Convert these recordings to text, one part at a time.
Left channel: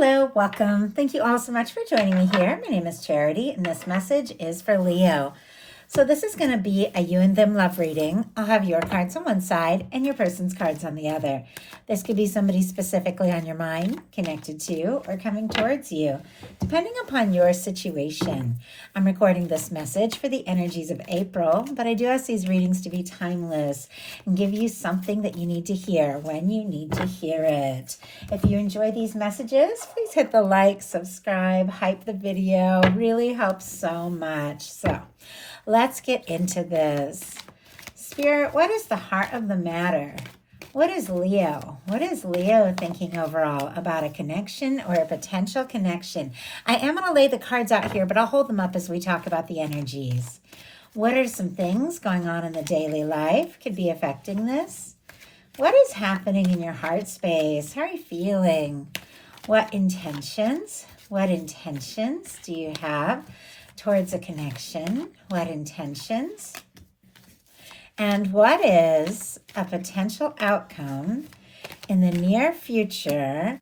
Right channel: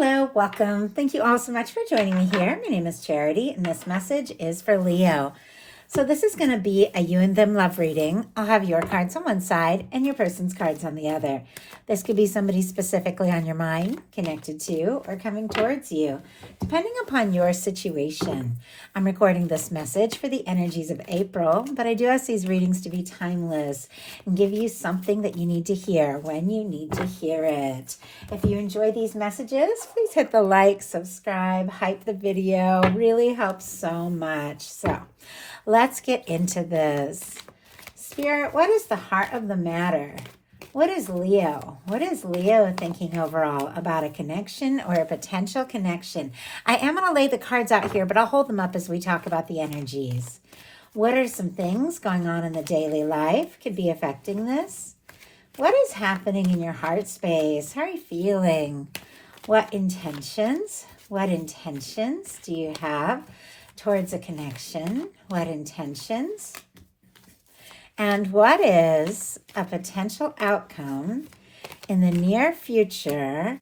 Hello, welcome. Thank you all so much for joining me here. My name is Charity, and this message is for Leo. So this is going to be a you and them love reading. I'll have your cards on one side and your person's cards on the other. This could be somebody specifically on your mind, connected to, or coming towards you, depending upon your situation. I'm recording this message for the energies of April, but I do ask these readings to be timeless and give you something that you need to hear when you need to hear it. If you enjoy these messages, please hit the like, subscribe, hype the video. Really helps so much. So let's get into this. Spirit, what is the heart of the matter? What is Leo? What is Leo thinking overall about a connection or a potential connection? I am going to lay the cards out here, but I'll hold them up as we talk about the energies. What are some things going on in the daily life could be affecting this? What is happening in your heart space? How are you feeling? What intentions do you have towards a connection? What intentions? And what is a potential outcome in the near future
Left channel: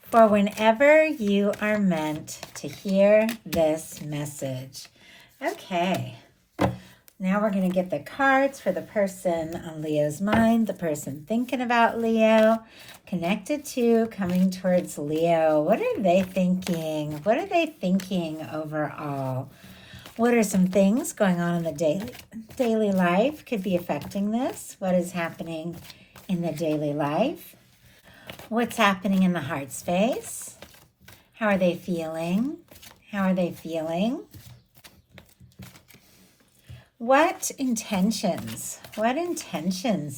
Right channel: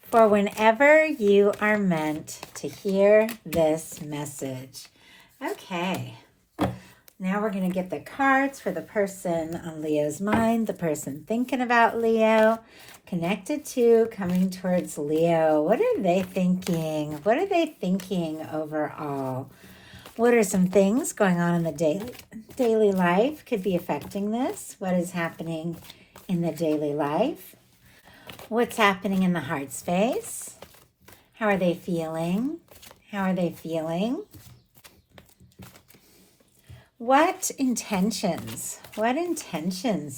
for whenever you are meant to hear this message? Okay, now we're going to get the cards for the person on Leo's mind, the person thinking about Leo, connected to, coming towards Leo. What are they thinking? What are they thinking overall? What are some things going on in the daily life could be affecting this? What is happening in the daily life? What's happening in the heart space? How are they feeling? How are they feeling? What intentions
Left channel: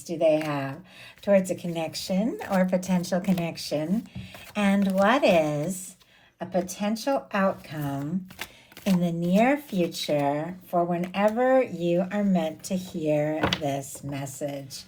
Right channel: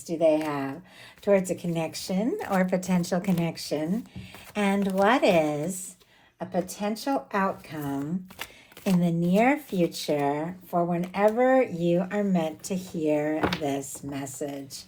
do they have towards a connection or potential connection? And what is a potential outcome in the near future for whenever you are meant to hear this message?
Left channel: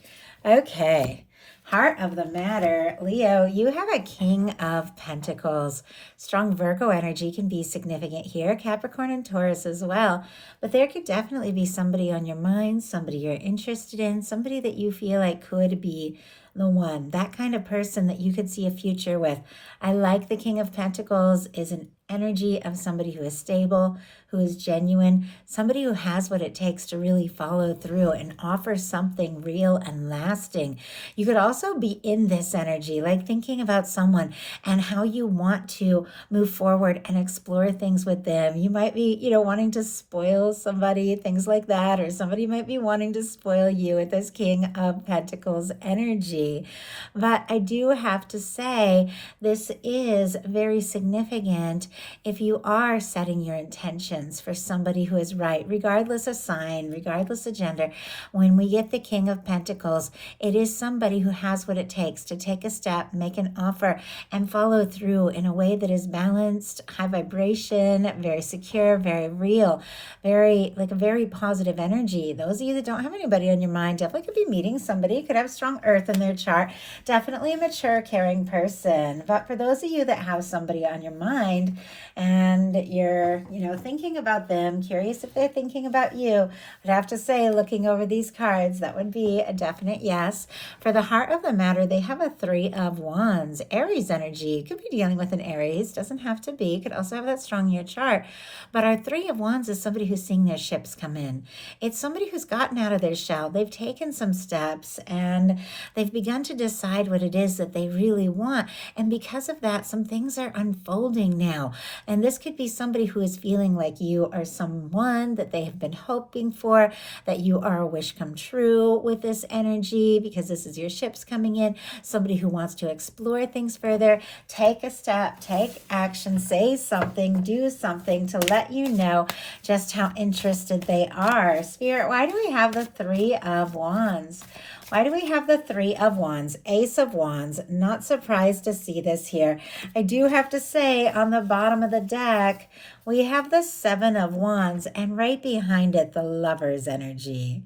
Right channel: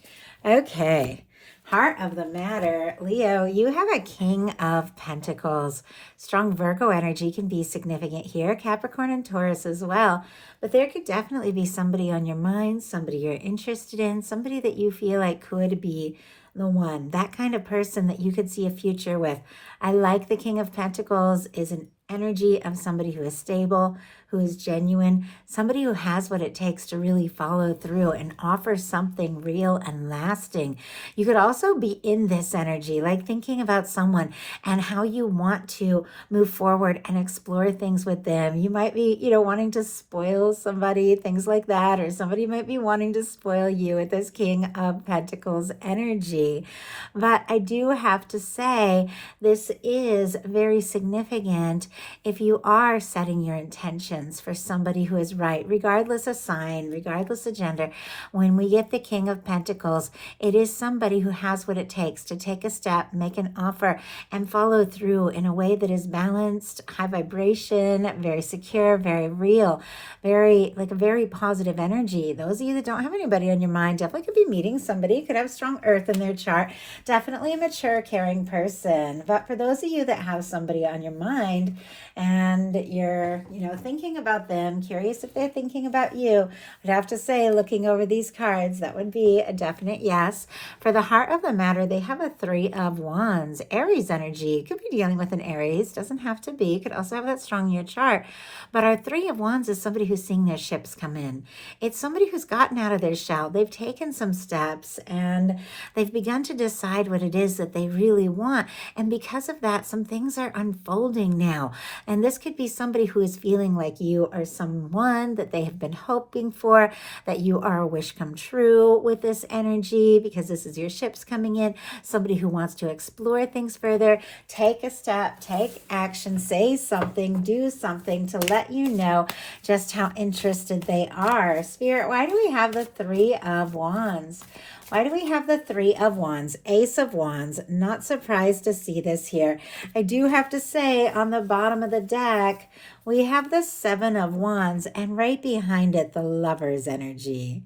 Okay, heart of the matter, Leo, you have a King of Pentacles. Strong Virgo energy can be significant here, Capricorn and Taurus as well. But there could definitely be somebody on your mind, somebody you're interested in, somebody that you feel like could be the one, that kind of person that you could see a future with. I like the King of Pentacles is an energy of somebody who is stable, who is genuine, somebody who has what it takes to really follow through and offer something real and lasting. You could also be in this energy, like thinking about someone and how you want to move forward and explore things with them. You might be, wanting to spoil somebody, things like that, or somebody might be wanting to spoil you with this King of Pentacles energy. But I do have to say, this is very significant if you are setting your intentions for somebody who is right, regardless of sign, regardless of gender. When we get the King of Pentacles, it is somebody who has what it takes to take a step, make an offer, and follow through in a way that is balanced, high vibration, very secure, very real, very positive energy. Those of you that don't have anybody on your mind definitely could be meeting somebody, could have strong earth in their chart, definitely a mature, caring person. But for those of you that have somebody on your mind and you're, thinking about them, curious if they're thinking about you, I'd have to say, looking over these cards, that would be a definite yes. For the heart of the matter, they have a Three of Wands, Aries energy. Could be dealing with an Aries, doesn't have to be, could also have that strong in your chart. But our Three of Wands is somebody who's seeing their ships come in. It's somebody who's gotten out of their shell. They've taken some steps and they've begun to decide what it is that they really want. And because of that, some things are unfolding now. And this could be somebody who is feeling like you are someone that they have been hoping for, that you are a wish come true with this energy, because this is your ships coming in. Somebody who wants to explore things further, take a step, take action, say something, do something to let you know just how interested they are. Spirit, why do we have the Three of Wands? Why do we have the Three of Wands, Ace of Wands? Not surprised to see this here. I do have to say, on the bottom of the deck, we have the Seven of Wands, and right behind it, the Lover's energy.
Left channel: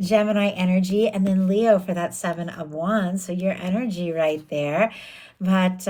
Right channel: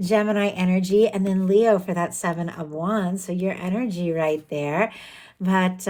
Gemini energy, and then Leo for that Seven of Wands. So your energy right there. But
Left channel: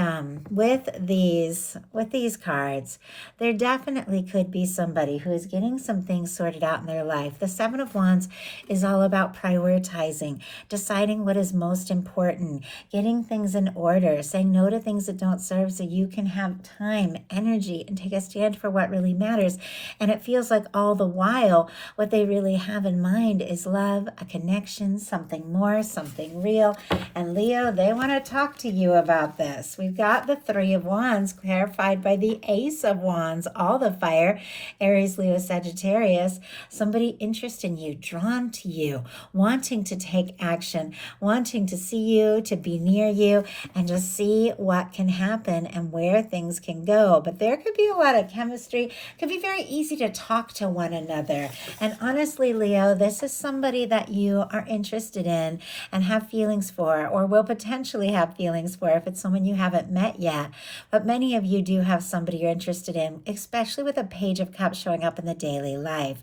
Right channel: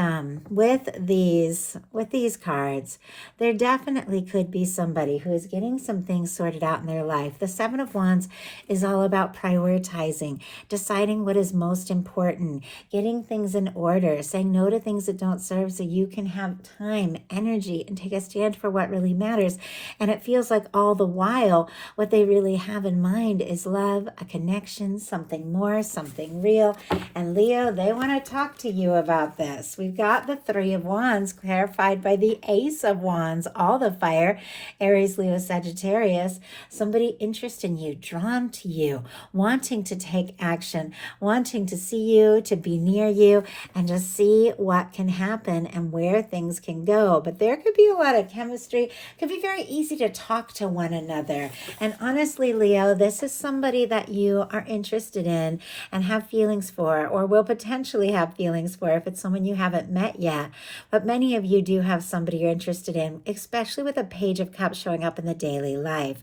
with these cards, there definitely could be somebody who is getting some things sorted out in their life. The Seven of Wands is all about prioritizing, deciding what is most important, getting things in order, saying no to things that don't serve so you can have time, energy, and take a stand for what really matters. And it feels like all the while, what they really have in mind is love, a connection, something more, something real. And Leo, they want to talk to you about this. We've got the Three of Wands clarified by the Ace of Wands, all the fire, Aries, Leo, Sagittarius. Somebody interested in you, drawn to you, wanting to take action, wanting to see you, to be near you, and just see what can happen and where things can go. But there could be a lot of chemistry. It could be very easy to talk to one another. And honestly, Leo, this is somebody that you are interested in and have feelings for, or will potentially have feelings for if it's someone you haven't met yet. But many of you do have somebody you're interested in, especially with a Page of Cups showing up in the daily life.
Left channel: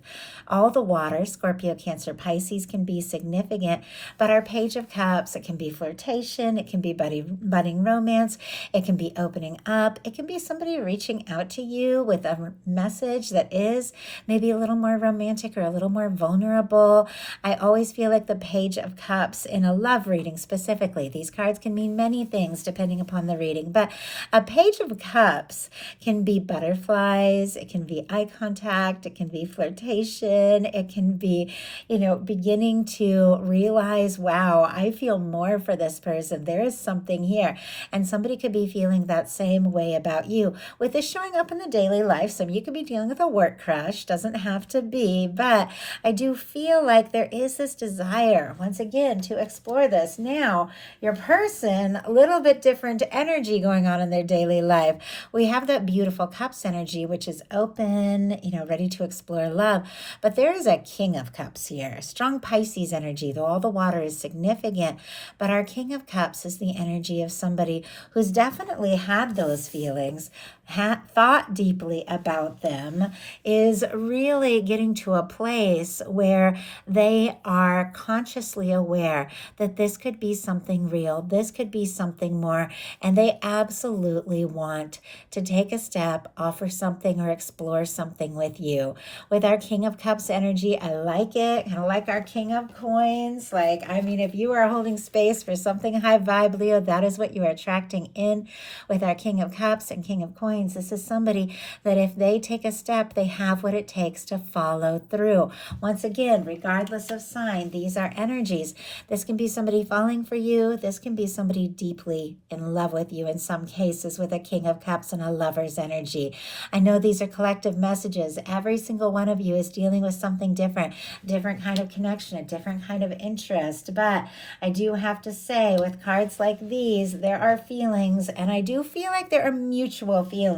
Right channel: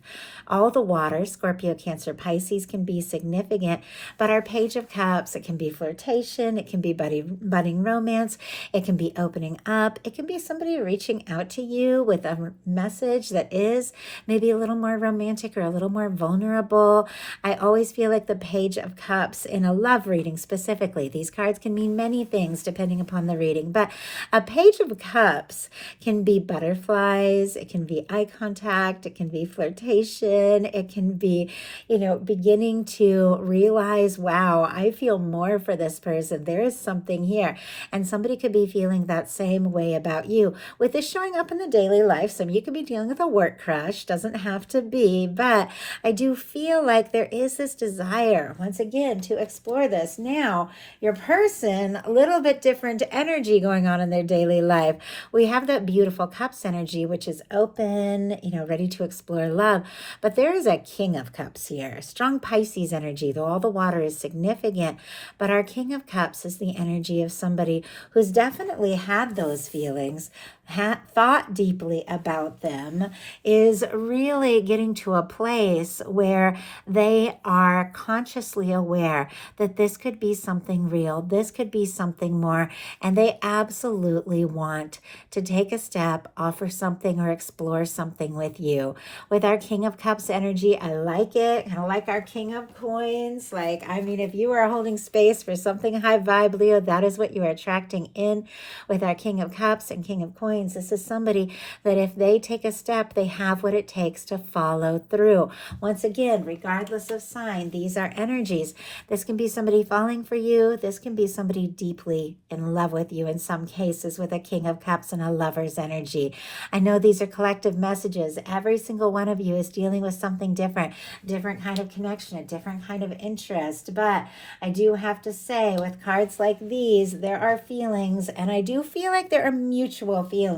All the water, Scorpio, Cancer, Pisces, can be significant, but our Page of Cups, it can be flirtation, it can be budding romance, it can be opening up, it can be somebody reaching out to you with a message that is maybe a little more romantic or a little more vulnerable. I always feel like the Page of Cups in a love reading specifically, these cards can mean many things depending upon the reading, but a Page of Cups can be butterflies, it can be eye contact, it can be flirtation, it can be, beginning to realize, wow, I feel more for this person. There is something here. And somebody could be feeling that same way about you. With this showing up in the daily life, some of you could be dealing with a work crush, doesn't have to be, but I do feel like there is this desire, once again, to explore this. Now, your person, a little bit different energy going on in their daily life. We have that beautiful Cups energy, which is open, ready to explore love. But there is a King of Cups here, strong Pisces energy, though all the water is significant. But our King of Cups is the energy of somebody who's definitely had those feelings, thought deeply about them, is really getting to a place where they are consciously aware that this could be something real, this could be something more, and they absolutely want to take a step, offer something, or explore something with you. With our King of Cups energy, I like it, kind of like our King of Coins. If you are holding space for something high vibe, Leo, that is what you are attracting in. With our King of Cups and King of Coins, this is somebody that if they take a step, they have what it takes to follow through. Once again, regardless of sign, these are energies. This can be somebody falling for you. This can be somebody deeply in love with you in some cases, with a King of Cups and a Lover's energy. I know these are collective messages. Every single one of you is dealing with something different kind of connection, a different kind of interest. But I do have to say, with cards like these, there are feelings, and I do feel like there are mutual feelings.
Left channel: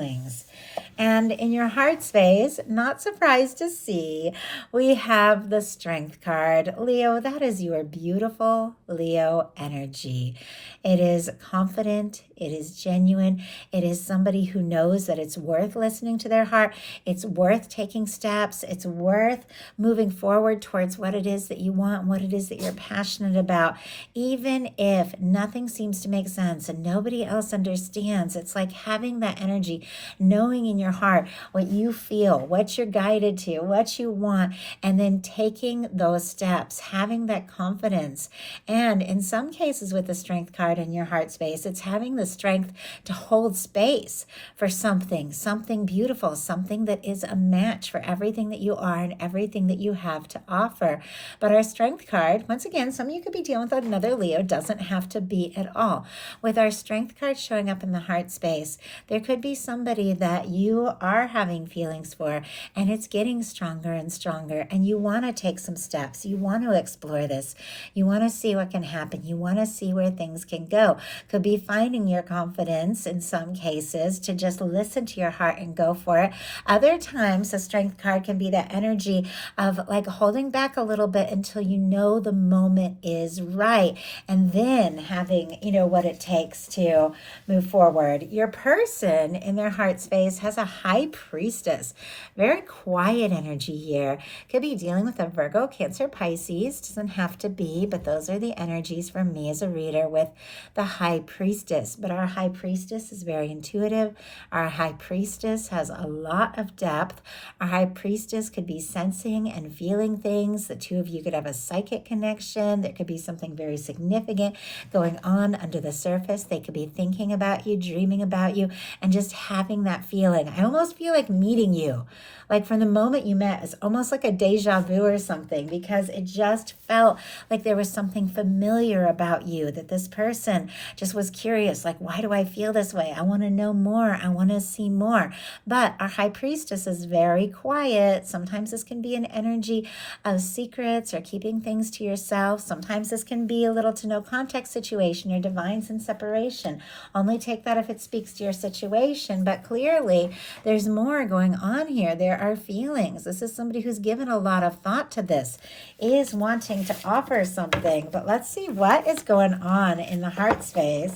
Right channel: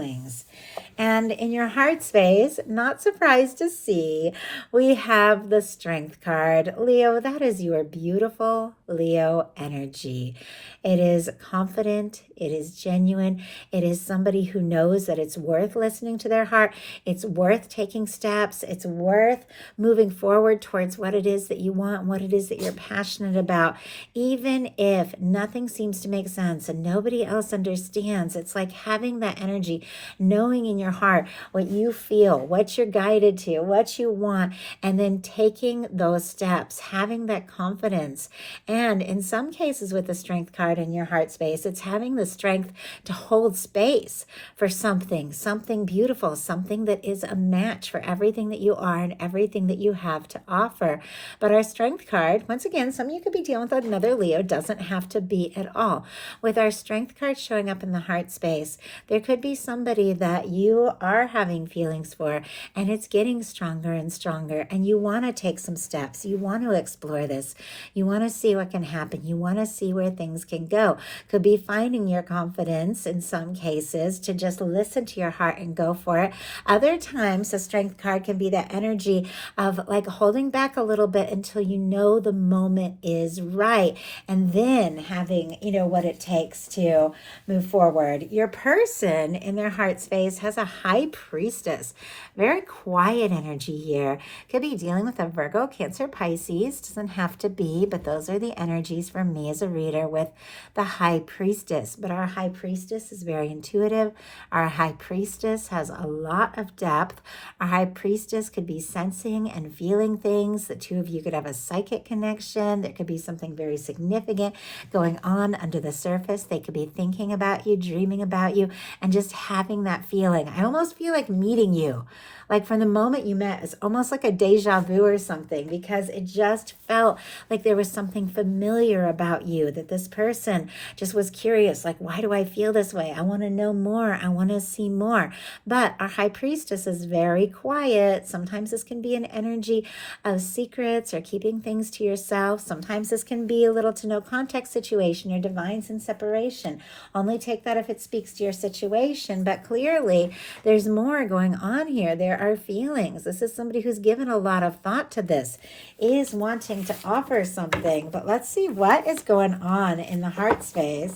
And in your heart space, not surprised to see, we have the Strength card. Leo, that is your beautiful Leo energy. It is confident. It is genuine. It is somebody who knows that it's worth listening to their heart. It's worth taking steps. It's worth moving forward towards what it is that you want, what it is that you're passionate about. Even if nothing seems to make sense and nobody else understands, it's like having that energy, knowing in your heart what you feel, what you're guided to, what you want, and then taking those steps, having that confidence. And in some cases with the Strength card in your heart space, it's having the strength to hold space for something beautiful, something that is a match for everything that you are and everything that you have to offer. But our Strength card, once again, some of you could be dealing with another Leo, doesn't have to be at all. With our Strength card showing up in the heart space, there could be somebody that you are having feelings for, and it's getting stronger and stronger, and you want to take some steps. You want to explore this. You want to see what can happen. You want to see where things can go. Could be finding your confidence in some cases to just listen to your heart and go for it. Other times, the Strength card can be that energy of like holding back a little bit until you know the moment is right, and then having, what it takes to move forward. Your person in their heart space has a High Priestess. Very quiet energy here. Could be dealing with a Virgo, Cancer, Pisces. Doesn't have to be, but those are the energies for me as a reader with the High Priestess. But our High Priestess is very intuitive. Our High Priestess has a lot of depth. Our High Priestess could be sensing and feeling things. The two of you could have a psychic connection. There could be something very significant going on under the surface. They could be thinking about you, dreaming about you, and just having that feeling. I almost feel like meeting you. Like from the moment you met, it's almost like a deja vu or something, because it just felt like there was something familiar about you, that this person just was curious, like, why do I feel this way? I want to know more. I want to see more. But our High Priestess is very quiet. Sometimes this can be an energy of secrets or keeping things to yourself. Sometimes this can be a little to no contact situation or divines in separation. Only take that if it speaks to your situation. But clearly, there's more going on here. There are feelings. This is somebody who's given a lot of thought to this, is wanting to offer something. But let's see what is going on in the heart space.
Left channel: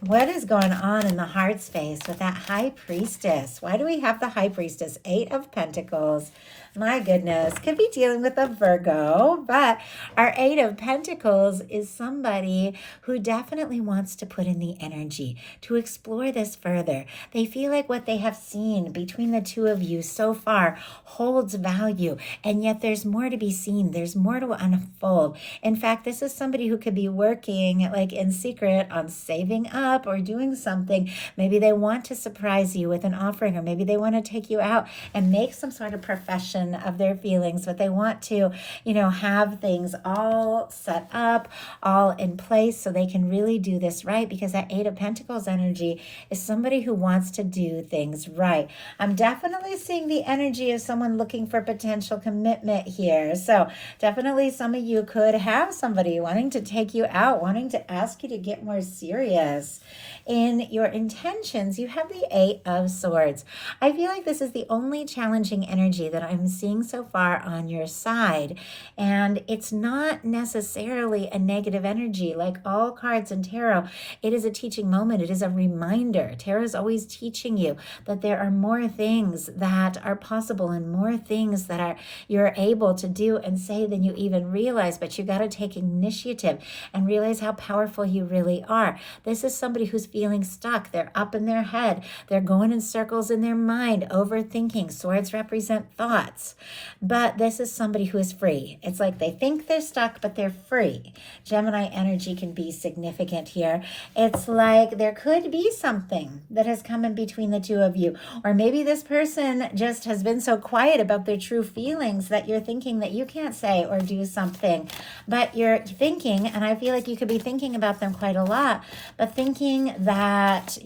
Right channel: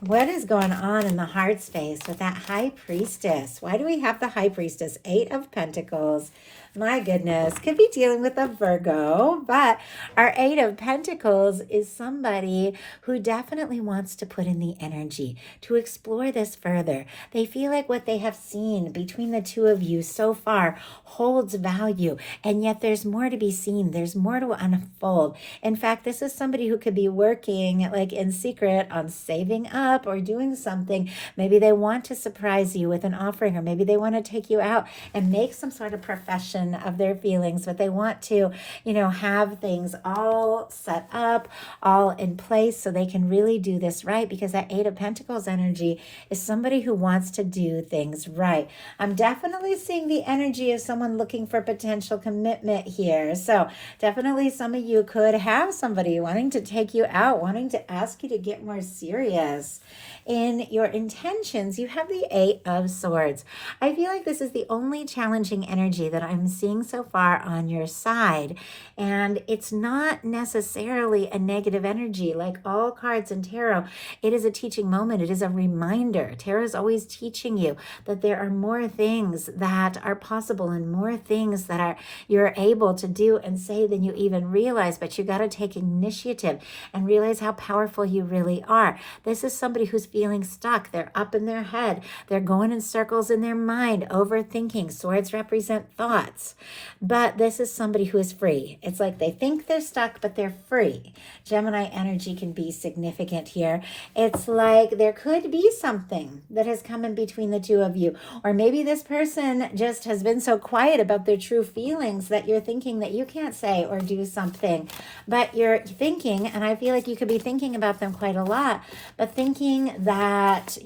What is going on in the heart space with that High Priestess? Why do we have the High Priestess? 8 of Pentacles. My goodness, could be dealing with a Virgo, but our 8 of Pentacles is somebody who definitely wants to put in the energy to explore this further. They feel like what they have seen between the two of you so far holds value, and yet there's more to be seen. There's more to unfold. In fact, this is somebody who could be working like in secret on saving up or doing something. Maybe they want to surprise you with an offering, or maybe they want to take you out and make some sort of profession of their feelings, but they want to, have things all set up, all in place so they can really do this right, because that 8 of Pentacles energy is somebody who wants to do things right. I'm definitely seeing the energy of someone looking for potential commitment here. So definitely some of you could have somebody wanting to take you out, wanting to ask you to get more serious in your intentions. You have the 8 of Swords. I feel like this is the only challenging energy that I'm seeing so far on your side. And it's not necessarily a negative energy. Like all cards in tarot, it is a teaching moment. It is a reminder. Tarot is always teaching you that there are more things that are possible and more things that you're able to do and say than you even realize. But you got to take initiative and realize how powerful you really are. This is somebody who's feeling stuck. They're up in their head. They're going in circles in their mind, overthinking. Swords represent thoughts. But this is somebody who is free. It's like they think they're stuck, but they're free. Gemini energy can be significant here. It's like there could be something that has come in between the two of you. Or maybe this person just has been so quiet about their true feelings that you're thinking that you can't say or do something. But you're thinking, and I feel like you could be thinking about them quite a lot, but thinking that,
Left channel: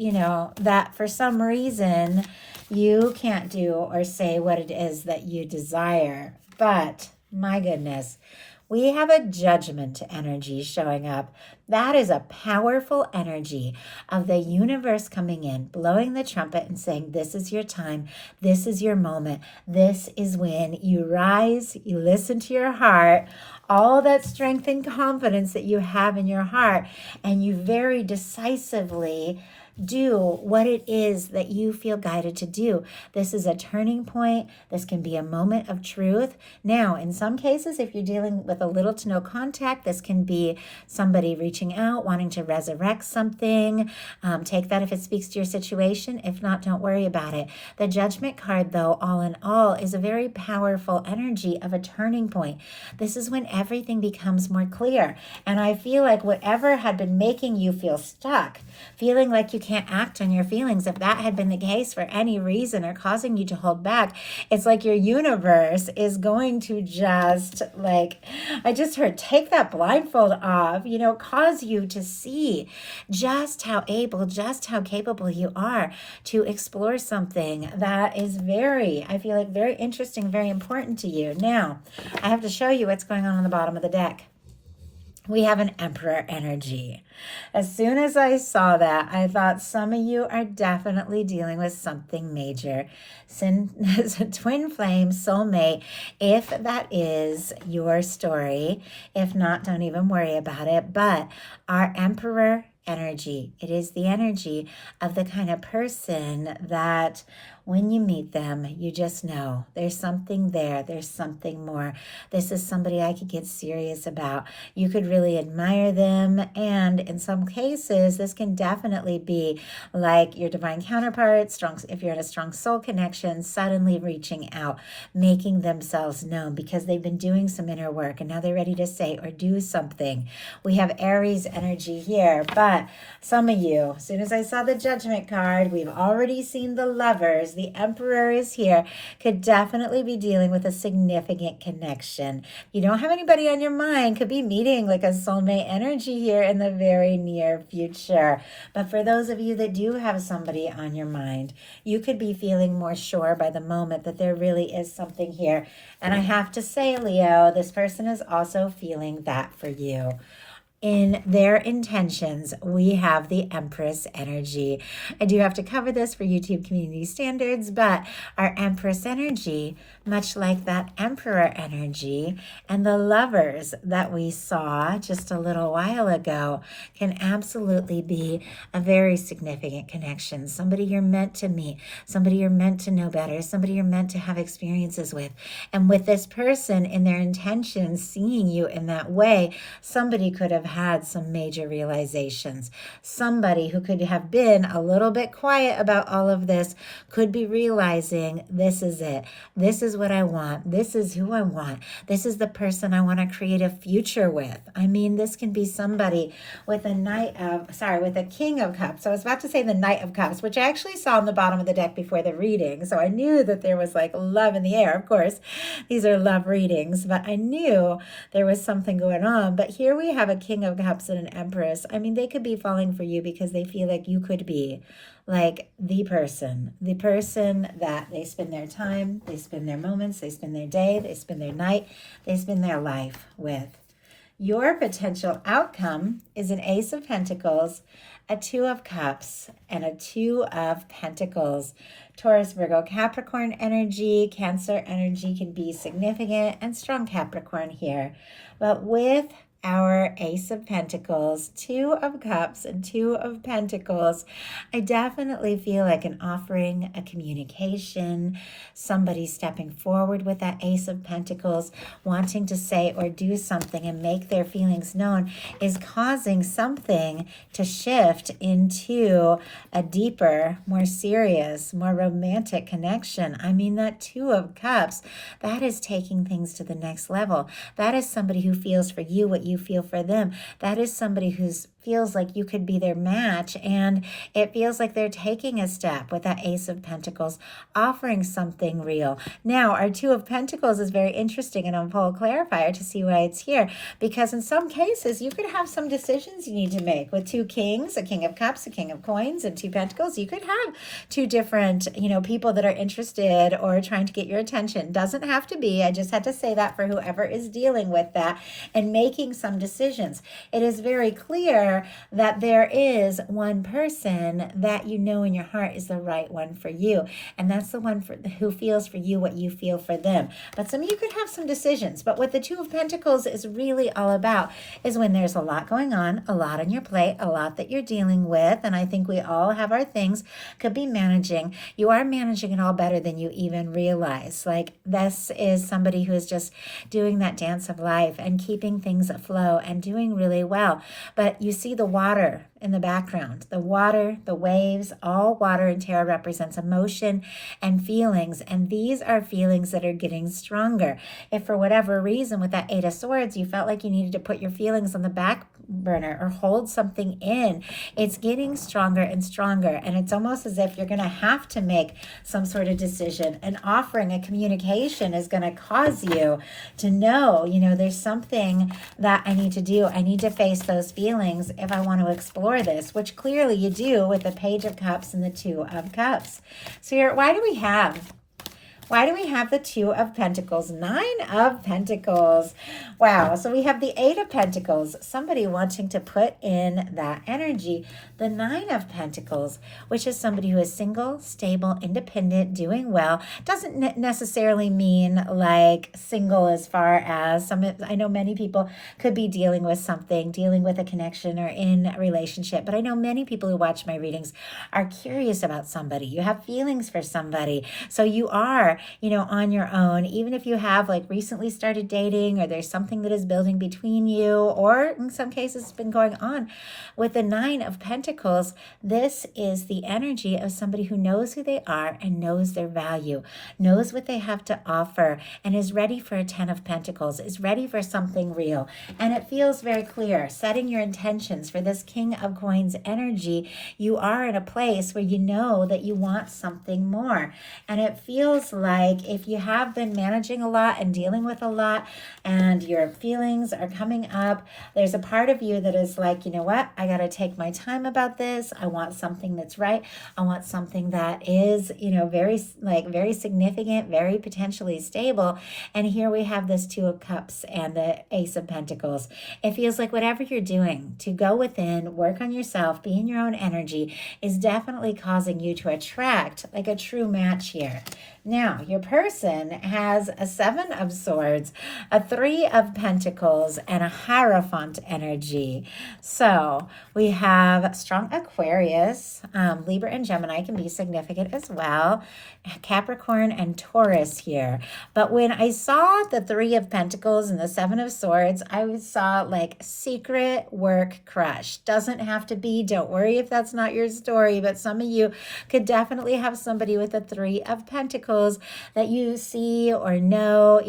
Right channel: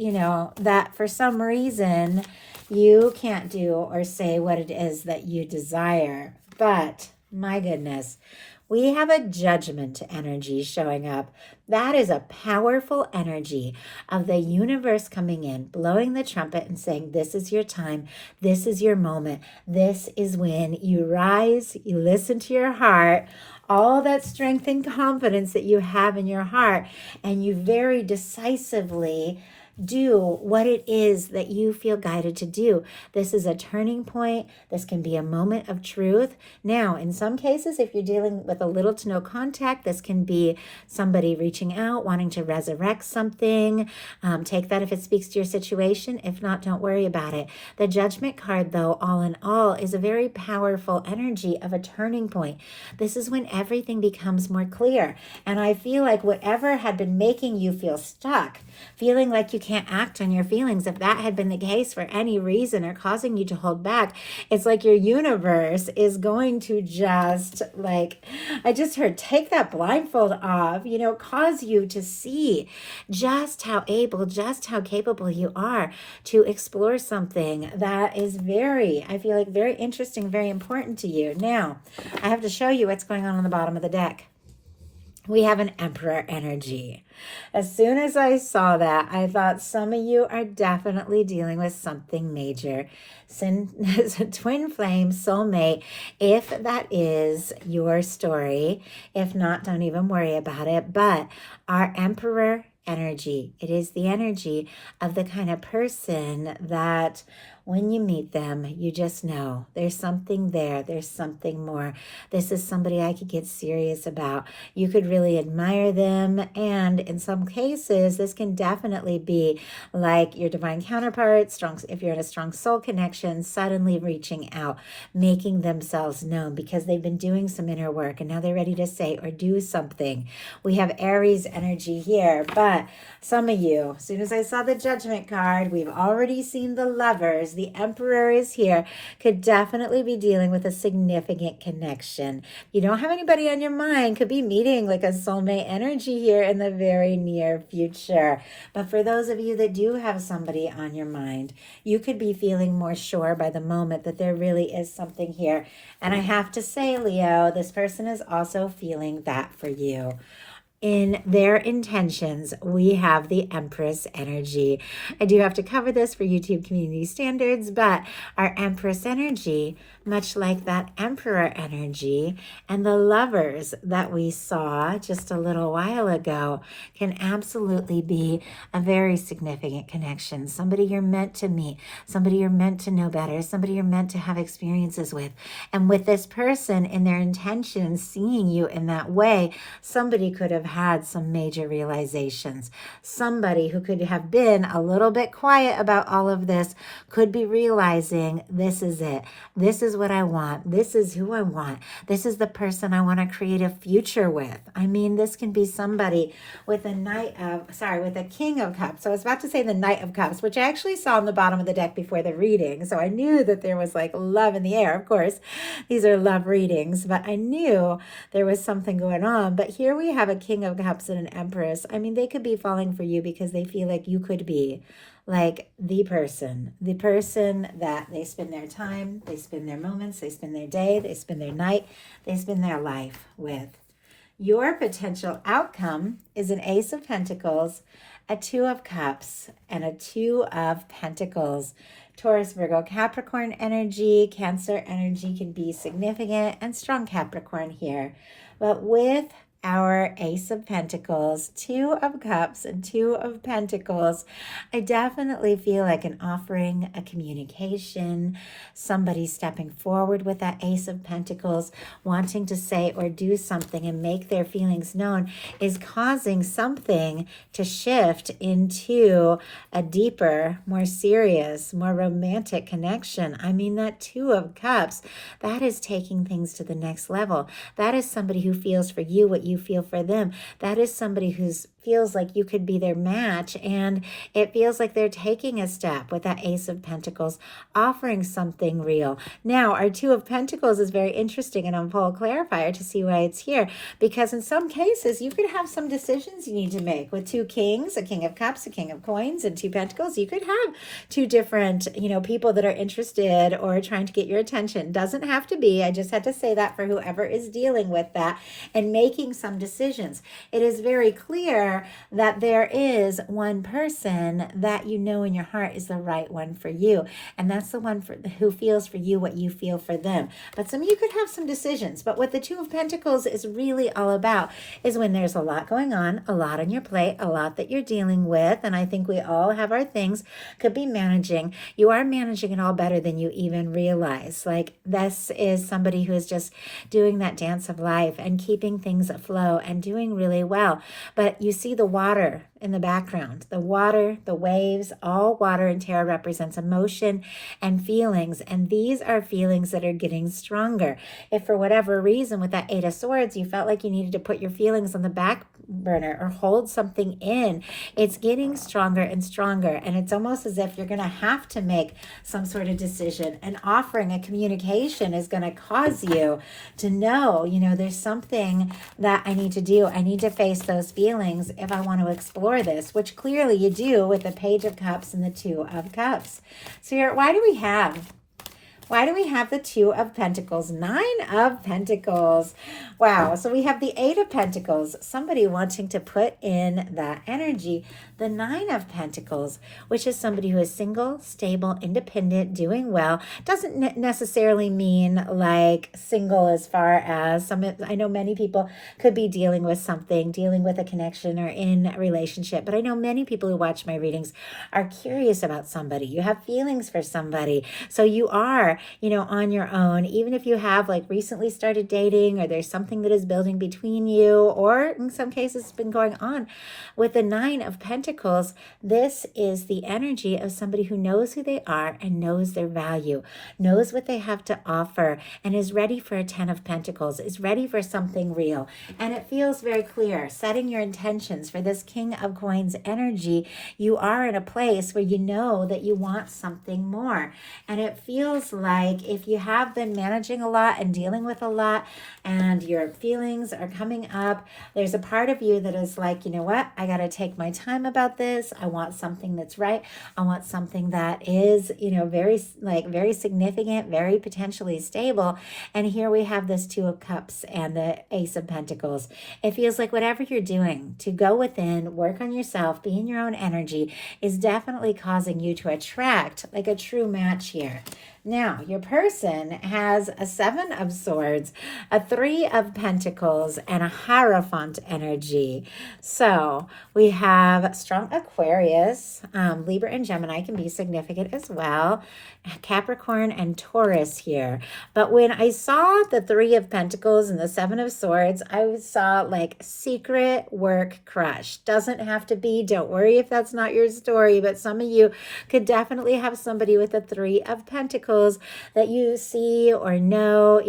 that for some reason you can't do or say what it is that you desire. But my goodness, we have a Judgment energy showing up. That is a powerful energy of the universe coming in, blowing the trumpet and saying, this is your time. This is your moment. This is when you rise, you listen to your heart, all that strength and confidence that you have in your heart, and you very decisively do what it is that you feel guided to do. This is a turning point. This can be a moment of truth. Now, in some cases, if you're dealing with a little to no contact, this can be somebody reaching out, wanting to resurrect something. Take that if it speaks to your situation. If not, don't worry about it. The Judgment card, though, all in all, is a very powerful energy of a turning point. This is when everything becomes more clear. And I feel like whatever had been making you feel stuck, feeling like you can't act on your feelings, if that had been the case for any reason or causing you to hold back, it's like your universe is going to just, like, I just heard, take that blindfold off, cause you to see just how able, just how capable you are to explore something that is I feel like very interesting, very important to you. Now, I have to show you what's going on the bottom of the deck. We have an Emperor energy. As soon as I saw that, I thought some of you are definitely dealing with something major. Twin flame, soulmate, if that is your story. If not, don't even worry about it. But our Emperor energy. It is the energy of the kind of person that when you meet them, you just know there's something there. There's something more. This is somebody I could get serious about. You could really admire them. And in some cases, this can definitely be like your divine counterpart, strong, if you're in a strong soul connection, suddenly reaching out, making themselves known because they've been doing some inner work and now they're ready to say or do something. We have Aries energy here, but some of you, as soon as I saw the Judgment card, we've already seen the Lovers. The Emperor is here, could definitely be dealing with a significant connection. If you don't have anybody on your mind, could be meeting like a soulmate energy here in the very near future. But for those of you that do have somebody on your mind, you could be feeling more sure by the moment that there really is something here. And I have to say, Leo, this person is also feeling that for you. In their intentions, we have the Empress energy. I do have to cover this for YouTube community standards, but our Empress energy, much like that Emperor energy and the Lovers that we saw just a little while ago, can absolutely be a very significant connection. Somebody you're meant to meet, somebody you're meant to know better, somebody you're meant to have experiences with. And with this person in their intentions, seeing you in that way, somebody could have had some major realizations. Somebody who could have been a little bit quiet about all of this could be realizing this is it. This is what I want. This is who I want. This is the person I want to create a future with. I mean, this can be somebody with a with a King of Cups. So I was about to say the Knight of Cups, which I actually saw on the bottom of the deck before the reading. So I knew that there was like love in the air. Of course, these are love readings, but I knew there was something going on. But here we have a King of Cups and an Empress. I mean, they could be falling for you because they feel like you could be like the person that they spend their time, they spend their moments, they spend their day, they spend their night, they spend their life with. Your potential outcome is an Ace of Pentacles, a Two of Cups, and a Two of Pentacles. Taurus, Virgo, Capricorn energy, Cancer energy can be significant and strong Capricorn here. But with our Ace of Pentacles, Two of Cups, and Two of Pentacles, I definitely feel like an offering, a communication, somebody stepping forward with that Ace of Pentacles, wanting to say or do something and make their feelings known, is causing something to shift into a deeper, more serious, more romantic connection. I mean, that Two of Cups, that is taking things to the next level. That is somebody who feels for you what you feel for them. That is somebody who feels like you could be their match, and it feels like they're taking a step with that Ace of Pentacles, offering something real. Now, our Two of Pentacles is very interesting, and I'll pull a clarifier to see why it's here, because in some cases, you could have some decisions you need to make. With two kings, a King of Cups, a King of Coins, and Two Pentacles, you could have two different, people that are interested or trying to get your attention. Doesn't have to be. I just had to say that for whoever is dealing with that and making some decisions. It is very clear that there is one person that you know in your heart is the right one for you, and that's the one who feels for you what you feel for them. But some of you could have some decisions. But what the Two of Pentacles is really all about is when there's a lot going on, a lot on your plate, a lot that you're dealing with, and I think we all have our things, could be managing. You are managing it all better than you even realize. Like, this is somebody who is just doing that dance of life and keeping things afloat and doing really well. But you see the water in the background. The water, the waves, all water in tarot represents emotion and feelings. And these are feelings that are getting stronger. If for whatever reason with that Eight of Swords, you felt like you needed to put your feelings on the back burner or hold something in, it's getting stronger and stronger. And it's almost as if you're going to have to make some sort of decision. And offering a communication is going to cause you to know, there's something that I need to do. I need to face those feelings if I want to explore this, which clearly you do with the Page of Cups and the Two of Cups. So here, why do we have the Two of Pentacles? Nine of Pentacles. Wow. So we have the Eight of Pentacles, somebody wanting to put in that energy. the Nine of Pentacles, which is somebody who is single, stable, independent, doing well. Doesn't necessarily mean like single as far as I know many people could be dealing with something, dealing with a connection or in a relationship, but I know many people who watch my readings are curious about somebody. You have feelings for somebody. So you are, on your own, even if you have like recently started dating or there's something that is building between you, or in some cases it's been going on. With the Nine of Pentacles, this is the energy of somebody who knows who they are and knows their value, knows what they have to offer, and is ready for a Ten of Pentacles, is ready for something real. And it feels very clear, setting your intentions for this King of Coins energy. You are in a place where you know that you want something more. And it feels like if you have been managing a lot and dealing with a lot and your feelings are coming up, there's a part of you that is like, you know what, I got to take my time about this. I want something that's right. I want something that is, very significant, very potentially stable. And here we have this Two of Cups and the Ace of Pentacles. It feels like whatever you're doing to go within, work on yourself, be in your own energy is definitely causing you to attract like a true match here. Now, your person has a Seven of Swords, a Three of Pentacles, and a Hierophant energy. So we have strong Aquarius, Libra and Gemini can be significant as well. Capricorn and Taurus here. But when I saw the Three of Pentacles and the Seven of Swords, I saw like secret work crush. Doesn't have to be, don't worry if that's not your story, but some of you could definitely have somebody with the Three of Pentacles that you see or know,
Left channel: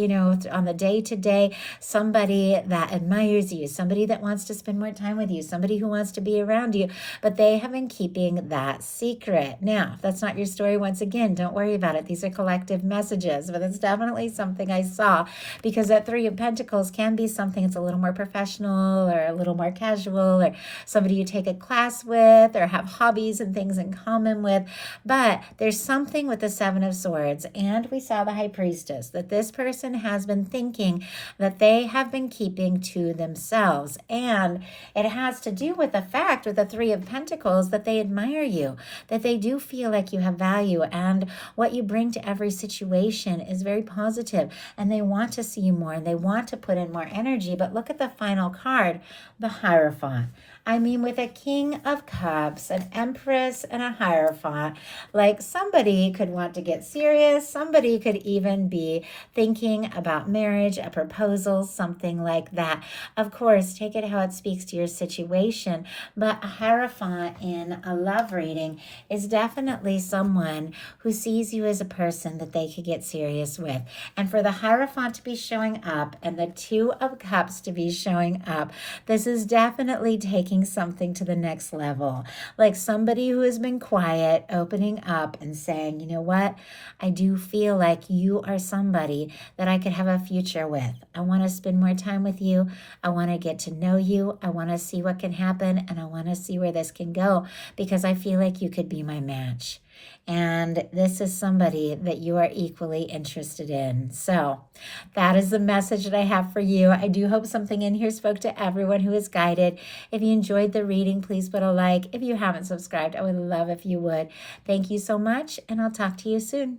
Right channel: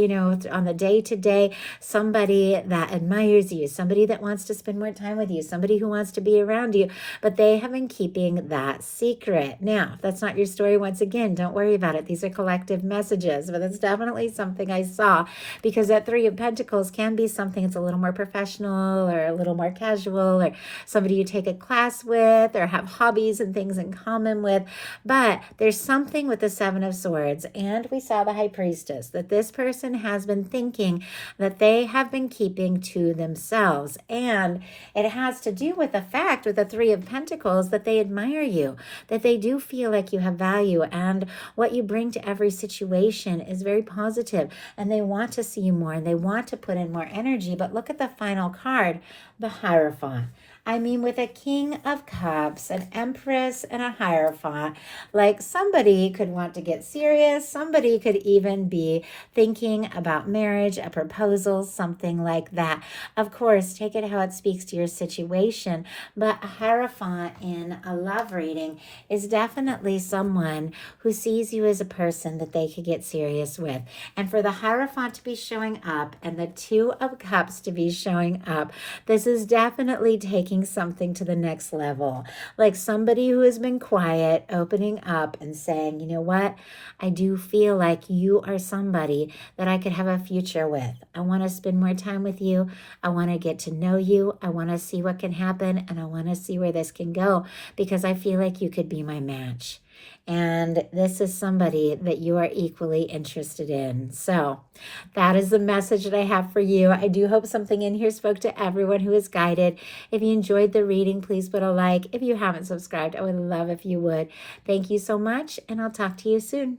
on the day-to-day, somebody that admires you, somebody that wants to spend more time with you, somebody who wants to be around you, but they have been keeping that secret. Now, if that's not your story, once again, don't worry about it. These are collective messages, but it's definitely something I saw, because that Three of Pentacles can be something that's a little more professional or a little more casual, or somebody you take a class with or have hobbies and things in common with. But there's something with the Seven of Swords, and we saw the High Priestess, that this person has been thinking that they have been keeping to themselves. And it has to do with the fact with the Three of Pentacles that they admire you, that they do feel like you have value, and what you bring to every situation is very positive, and they want to see you more and they want to put in more energy. But look at the final card, the Hierophant. I mean, with a King of Cups, an Empress, and a Hierophant, like somebody could want to get serious. Somebody could even be thinking about marriage, a proposal, something like that. Of course, take it how it speaks to your situation. But a Hierophant in a love reading is definitely someone who sees you as a person that they could get serious with. And for the Hierophant to be showing up and the Two of Cups to be showing up, this is definitely taking something to the next level. Like somebody who has been quiet, opening up and saying, you know what, I do feel like you are somebody that I could have a future with. I want to spend more time with you. I want to get to know you. I want to see what can happen, and I want to see where this can go, because I feel like you could be my match. And this is somebody that you are equally interested in. So that is the message that I have for you. I do hope something in here spoke to everyone who is guided. If you enjoyed the reading, please put a like. If you haven't subscribed, I would love if you would. Thank you so much, and I'll talk to you soon.